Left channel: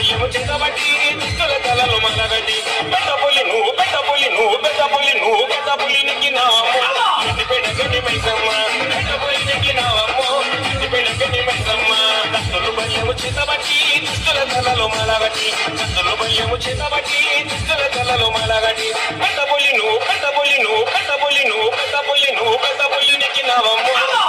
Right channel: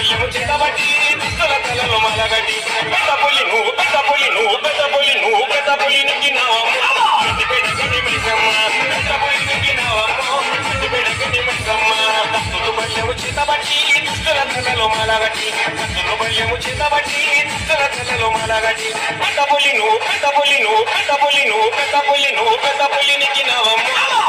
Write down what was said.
బల్యము చేతబట్టి దుస్తుల తలలో మలగటి పెద్ద పులి నువ్వు పెద్ద పులి నువ్వు పెద్ద పులి నువ్వు పెద్ద పులి నిక్కినావమ్మో గడ్డి పెడగని మైసమ్మ పెద్ద పులి నిక్కినావమ్మో గడ్డి పెడగని మైసమ్మ భక్తులు బల్యము చేతబట్టి దుస్తుల తలలో మలగటి భక్తులు బల్యము చేతబట్టి దుస్తుల తలలో మలగటి పెద్ద పులి నువ్వు పెద్ద పులి నువ్వు పెద్ద పులి నువ్వు పెద్ద పులి నువ్వు పెద్ద పులి నిక్కినావమ్మో